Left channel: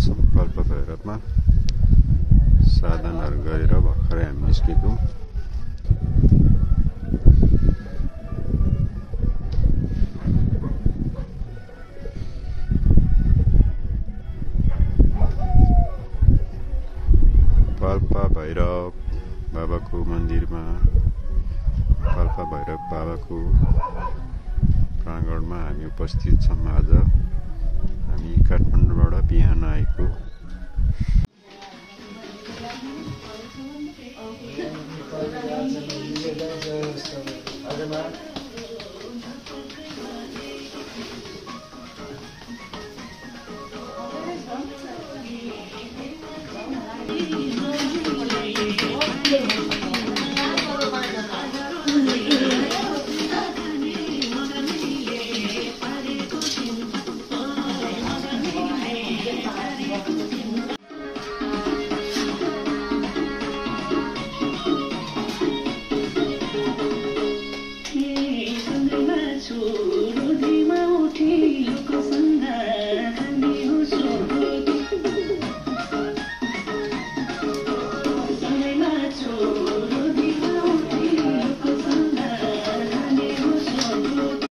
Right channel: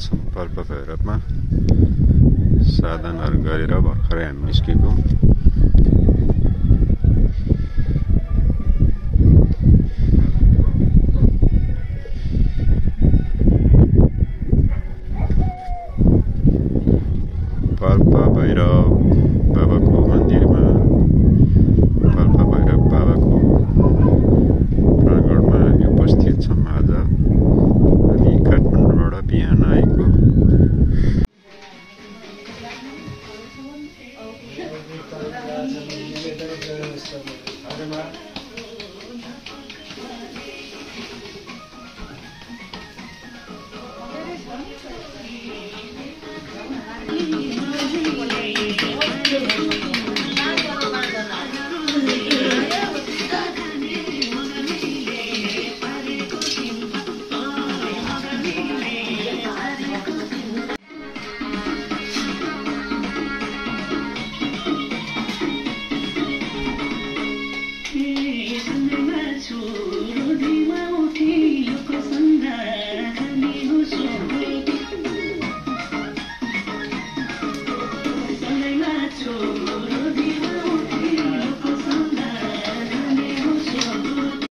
छौँ पाल्पा भैरवमा साधनहरू गरेर भर्खरै हामी निस्केको। पाल्पा भैरव बाबाको मन्दिरमा पाल्पा भैरव बाबाको प्राङ्गणमा हामी उपस्थित छौँ। आज हामी काठमाडौँबाट बिहान आएको।